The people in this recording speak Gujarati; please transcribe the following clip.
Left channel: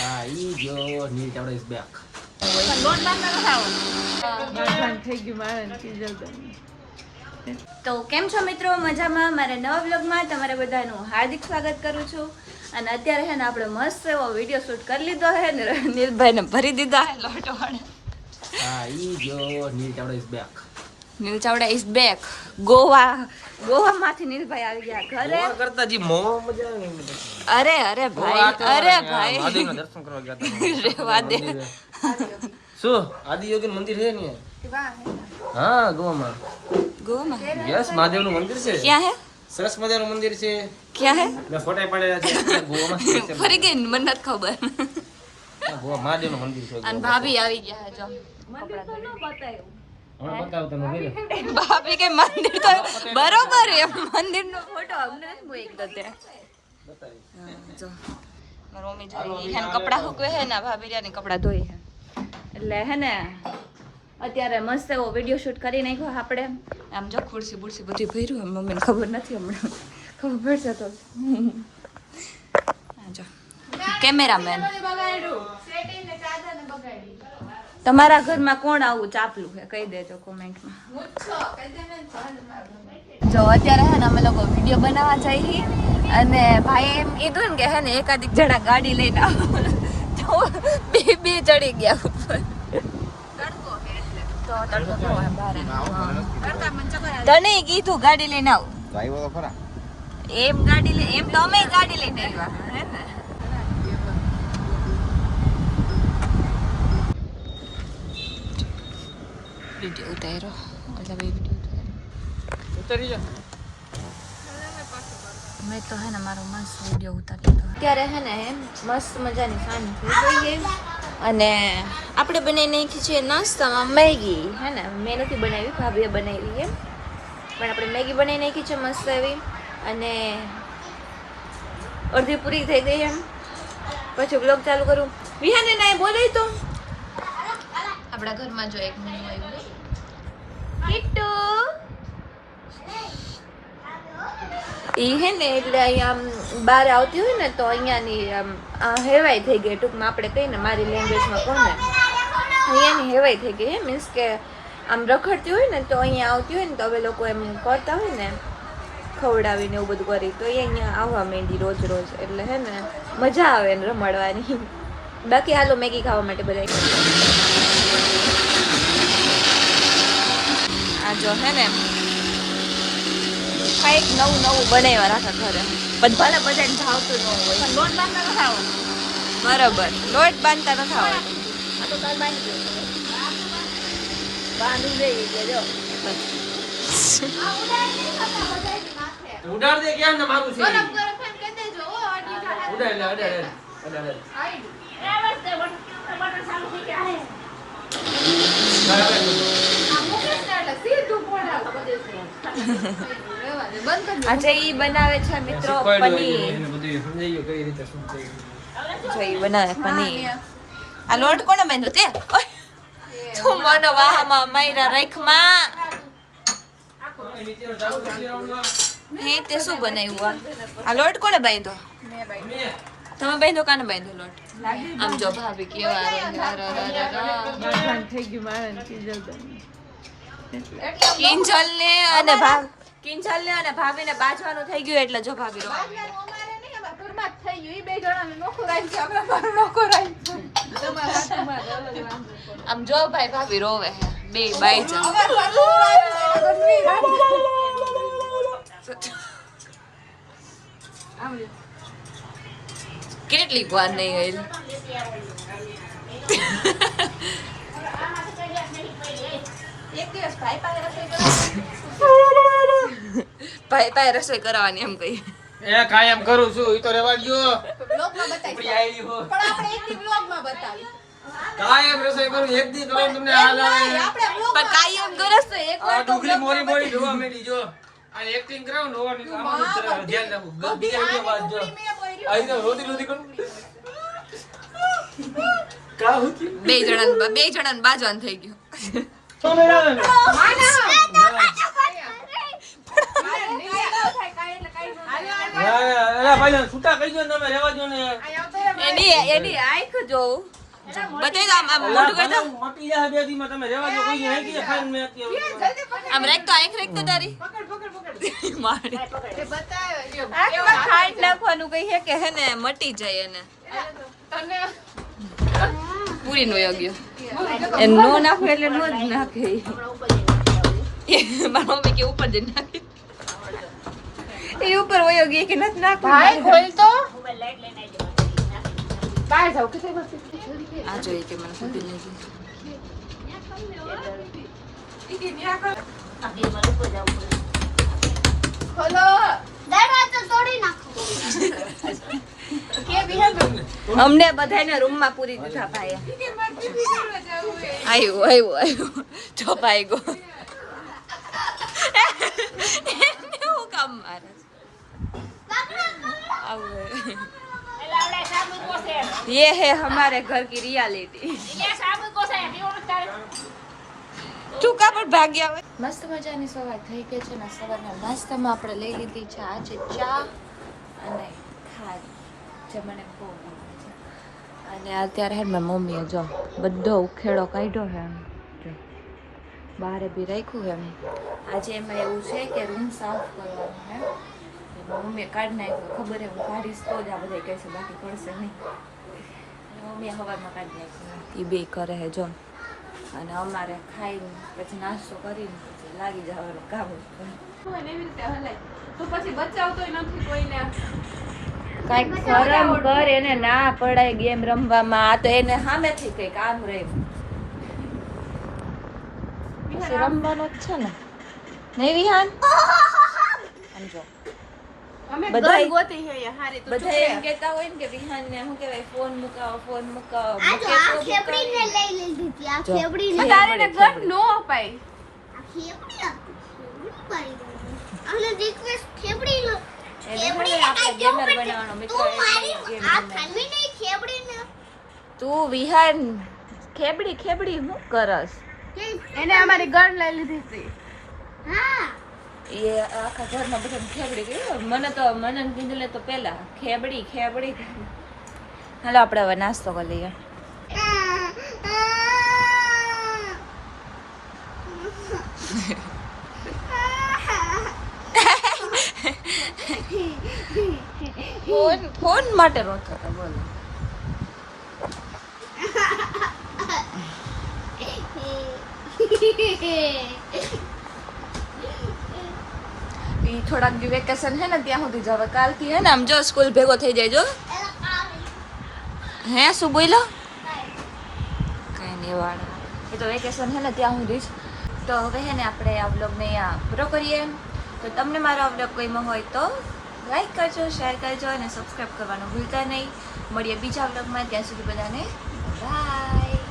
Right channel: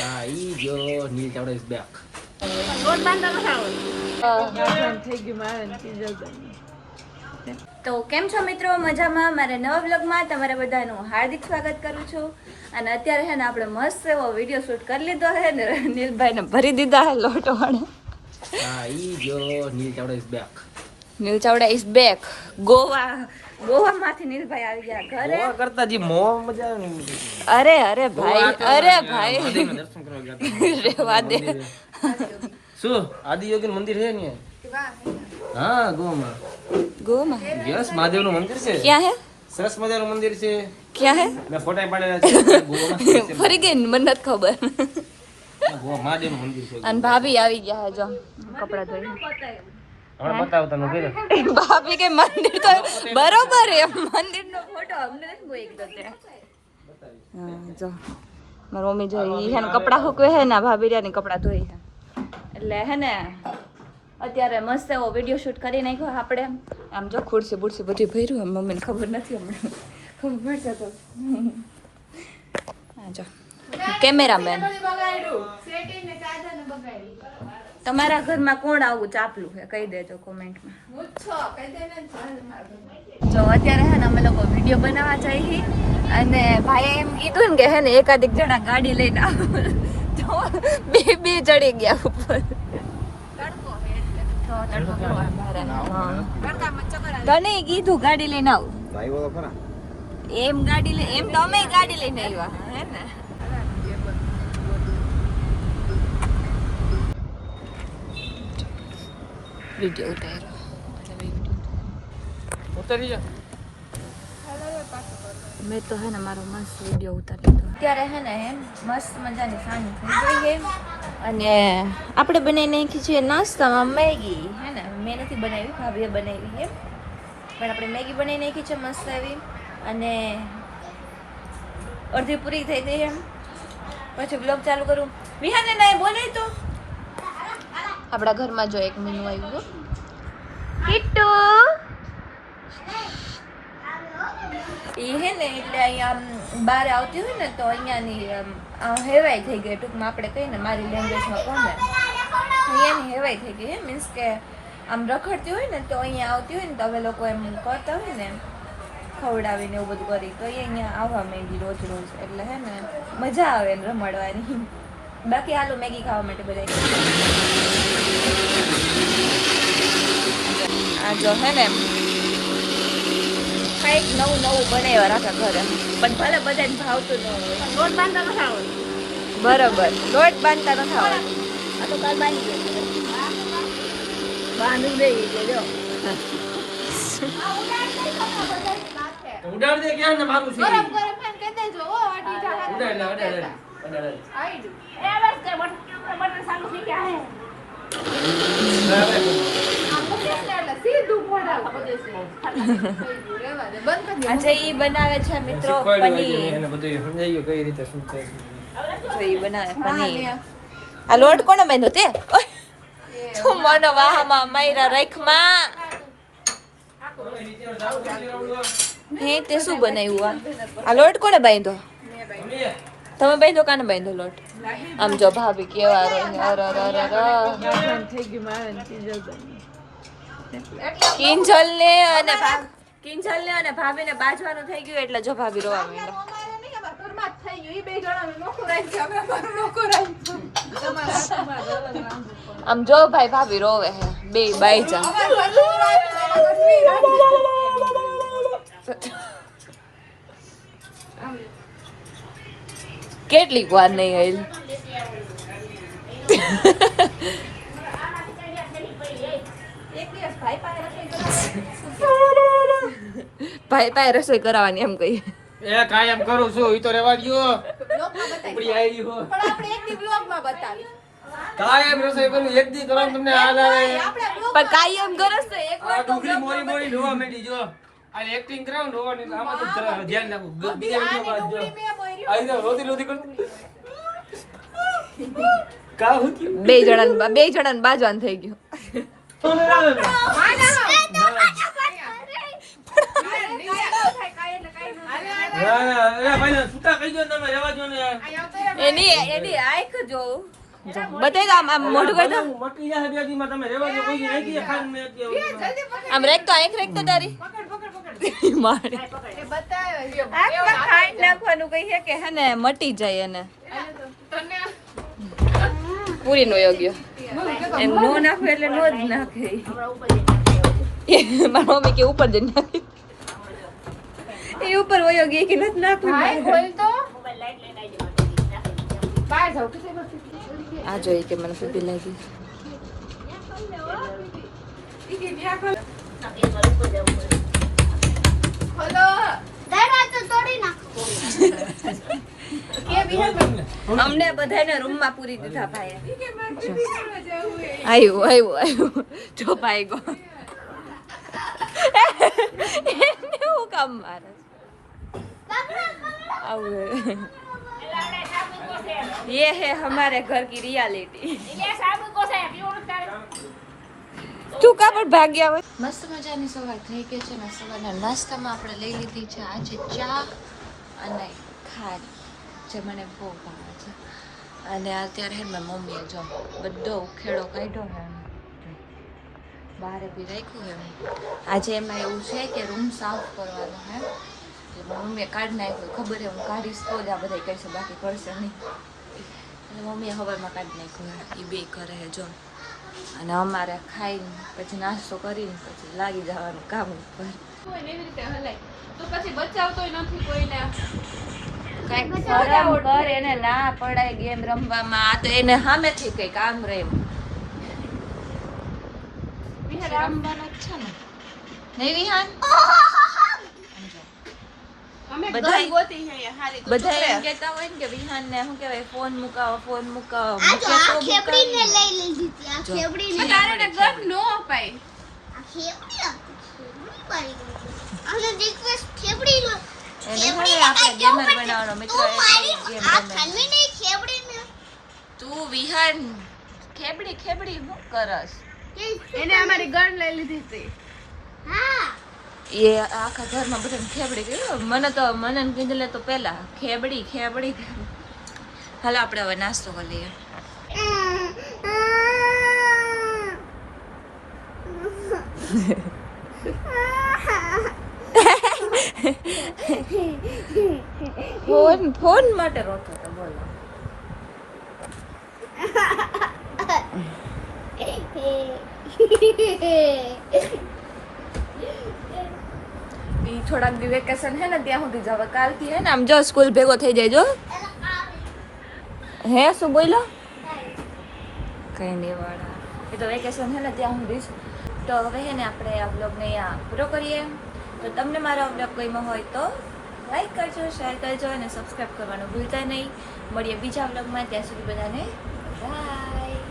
હા ઈ જો નીલ ચાવડા ઇઝ બેક. તો કેમ છો મિત્રો, મજામાં? મારા નવા બ્લોગમાં તમારા બધાનું હાર્દિક સ્વાગત કરું છું. અને અત્યારે છે ને આપણે મસ્ત એવો વિડીયો શૂટ કરી લીધો છે ને નીલભાઈને ભરી દીધા છે લોટો વડે. હા ઈ જો Neel Chavda is back. Neel Chavda is back. ગોવામાંથી નીલભાઈ આવી ગયા ઘરે. મોવા કરતા જે મોવા મજા આવે ને એમ નથી. અરે અરે ભાઈ, અરે ભાઈ, મહાદેવના દર્શન કરવા ગયા હતા. રેવા દે. શું આદિયોગી મંદિર છે ને? હા ગોવામાં. ગોવામાં યસ મહાદેવનું મંદિર છે. ક્યાં હે? સરસ મજાનું મંદિર છે. ક્યાં હે? મેં ફોટા પાડેલા છે ગોવામાં. ફરી ગઈ ને, મને નથી ખબર. ગોવા મહાદેવનું મંદિર છે. અને ભાભી આવી ગયા હે, જો કપડા ધોઈ. હમણાં બતાવતા નું કર્યું. ભાભી કે મંદિર તો બરોબર હે, મંદિરનો ફોટો અમને નથી મોકલી ગયો ત્યાં. જો મારી મમ્મી જો ઈ હે ને કપડા સુકવે હે ને ભાભી રહ્યા ને કપડા ધોઈ હે. એટલે હે ને અત્યારે મસ્ત એવો વિડીયો શૂટ કરી નાખ્યો આપણે. આમ જો ખુરશી બુરશી બધી ભર્યું, મમ્મીને ખબર નથી, હમણાં ખબર પડશે તો. હા જો કેમેરામેન. તમારા ઘરમાં કોણ આવું ચાપલું છે કહી દેજો કોમેન્ટમાં. જો અત્યારે હે ને અમે લોકો વિડીયો બનાવવા જઈએ અને ભાઈ એમ કીધું ને કે હે ને એકાદ જણા ગાડી લઈને બે ચડી ગયા ઉપર. તો તડકો કેવો હોય મારે. તને કીધું ગાડી લઈને આવું. ભાઈ તો ખરા. એમ ગાડી લઈ એમ તો અમે ગાડી લઈને આવ્યા હે ને. વિડીયો ઉતાર્યો મેં તો હે ને મારો મસ્ત વિડીયો ઉતારી લીધો. અત્યારે હે ને મસ્ત મજાની સામે થઈ ગઈ છે અને આપણે બનાવી નાખી છે નાસ્તામાં મેગી. હે ને મેં નથી બનાવી, ભાભીએ બનાવી છે, પણ આપણે મેગી બનાવી નાખી છે મસ્ત એવી. અને અડધી પૂરી થઈ ગઈ એમ. પછી બ્લોગ ચાલુ કરું. વિહાને ના બોલાય તો આપણા ઘરમાં જો એક મેનુ આવ્યું કિટ્ટુ ઈ હે ને એટલે અહીંયા બહાર આવતી હોય ને તો અહીંયાની હેવાઈ થઈ ગઈ. ટૂંકમાં આપણે કહીએ ને મારી લેંગ્વેજમાં કોને અહીંયાની હેવાઈ થઈ ગઈ. મીન્સ કે આમ રખડતી હોય ને તો અહીંયા આવતી હોય ને તો હવે લોકો એમ કરતા હોય ને ખવડાવીને એવું બધું કરી તો એ અહીંયા આવવા માંડી રોજ રોજ. એટલે હે ને મજા આવે ને રમાડવાની. બાકી હાલો મેગી ખાવા માટે બધા આ જો હે ને કંઈક નવું નવું બનાવ્યા રાખા ઘરે. પણ ભલે બધાને ભાવતું ન હોય. લોટ બાંધતા ન ખાવાનું. બરોબર, લોટ બાંધતા ન ખાવાનું. ઉડાડ દે ક્યાં ને મારું છે. ગરમ ગરમ ફેન કહી દેજો. ઓ આડી જાય. ઉડાડ લે ઉડાડ. આઈડી અચ્છા ઈ બનાવે છે મિત્રો પનીર. એને બધું સમજાઈ ગયું કઈ રીતે શું થાય. જો ઈ બનાવે પનીર. આ લોટ કોને બાંધ્યો તે? તું મને વાહમાં માયરા રાખમાં. હે તે શું બનાવ્યું આ લોટ કોને બાંધ્યો? તમે બાંધો કાને બાંધો લોટ? આમ જો ભાભી કેવા કિંજલ ને અને ભાભી ને બાજવાનું થઈ ગયું એટલે જો ભાભી રોવા માંડ્યા. આમ જો ભાઈ ભાભી રોવે હે બે બાઈ જા. કેટલીક વાર નહીં આવેલી. ભાઈ પાસે રસોઈ કરાવવાની એમ કહીએ. એ કાયમ કરું છું ઈ તો રેવા દયો. ઉપડી આવી હો. પણ આપણે એક દી બ્લોગમાં બતાવી. કાયમ રસોઈ કરું એક દી કરો તમને હાલ આવે. પણ કાયમ કરસ તો એક આ ડુંગળી મોરી મોરી જોવા મેડી જો. આ એક્ટિંગ કરાવ ને ઓવાની આમાં જ ધ્યાન રાખો. બીજા વિડિયો બાદ જો. આ તો રોતી રોતી કરું. કા હું કે બે જણાને બાજવાન થઈ ગયું. તો લે આવે ને. અરે ભાઈ છૂટા કહી દો તમે રહેવા દો ને યાર. એની આંખ જોઉં બતાવી દો આમ મોઢું કરી દો મટી જાય બે દીમાં તમે રહેવા દો કોઈ નહીં કે ખાન મે કે આમ રેક તો આંખ રેક તો તારી મારે કે બતાવે આંખમાં ખાંડ નાખવાનું કઈ છે કે હે ને મટી જાય એને પૂરી નો યોગ્ય એ નો નાખે એટલે નો જ નાખે મારા મમ્મી કે ઉપર જઈને નાખે એ ઉપર વયો ગઈ કે નથી નાખવું ખોલ તો આ જોઈએ કે મને સુધી લાગી ખોલો દરવાજો તોડી નાખો કે બિહાર અમને બધાને રૂમમાં પૂરી દીધા ભાઈ આવ્યું જો ભાઈ ગો એને હું કામ મારે આવું ये है हमारे घर की रियलिटी તું કા પર ભાગ્યા હોય મસ્ત મજાની સવાર થઈ ગઈ છે ને સવારના નાસ્તામાં આપણે લઈ લીધી છે આજે ચા અને ખારી જે મને બહુ ભાવે છે અને અત્યારે હે મેં મમ્મીએ જો બધો ઉખેડો કાઢ્યો છે એમ બહાર બી રાખ્યું એમ આજે એમાં એવું છે કે રૂમ સાફ કરવાનો હે મમ્મીએ કાઢી નાખ્યો ખબર હે હું કાઢીશ તો જ આ બધા કહેશે બાકી કરશે નહીં મમ્મીએ સવારમાં કાઢી નાખ્યું એ બે કરે હે જો અને અમારે ખાઈને પછી નાસ્તો કરીને પછી લાગી જવાનું કામ ઉપર કાંઈક ફરમ કર એને ના પડાય ગેમ રમવામાં આ તો એને સામેથી કંઈક આમ રહે રમવાનું જ છે ને નહીં વિહાન સમજો બધા એમ કહેતા હોય ને કે વિહાન ને શું કહેવાય ફોન મુકાવો મૂકે તો ખેપડીને લઈ લીધી હતી આ ખેપડીને નો અપાય આ ખેપડી આપી આને રિક્વેસ્ટ ખેપડી લો એને હવે આપણે ગેમર બનાવવાનો મિત્ર એટલે ગેમ રમે ખાલી ખેપડીને તું વિહાન ખેબડી હું કરસ એને અમારી ગન લઈ લીધી હતી હા એ આખા ઘરમાં બધાને ખેબડી કહ્યું મને કીધું તો પેલા ખેબડી હાલો આપણે હવે નાસ્તો કરી લઈએ ફોન માટે રોતો હતો બોલો થોડાક દી વેકેશન હે ને ત્યાં સુધી જવા કાલથી હે ને આમ જો સ્કૂલ ભેગો થઈ જાય જો હે શું બોલો કઈ નહીં વાળા એ તો વેકેશન હે ને ત્યાં સુધી તો હવે હે ને આપણે આ બ્લોગને અહીંયા પૂરો કરીએ તો તમને મારો આ બ્લોગ ગમ્યો હોય તો લાઈક કરજો શેર કરજો અને સબસ્ક્રાઈબ કરવાનું ભૂલતા નહીં મળીએ બીજા બ્લોગમાં ત્યાં સુધી બધાને બાય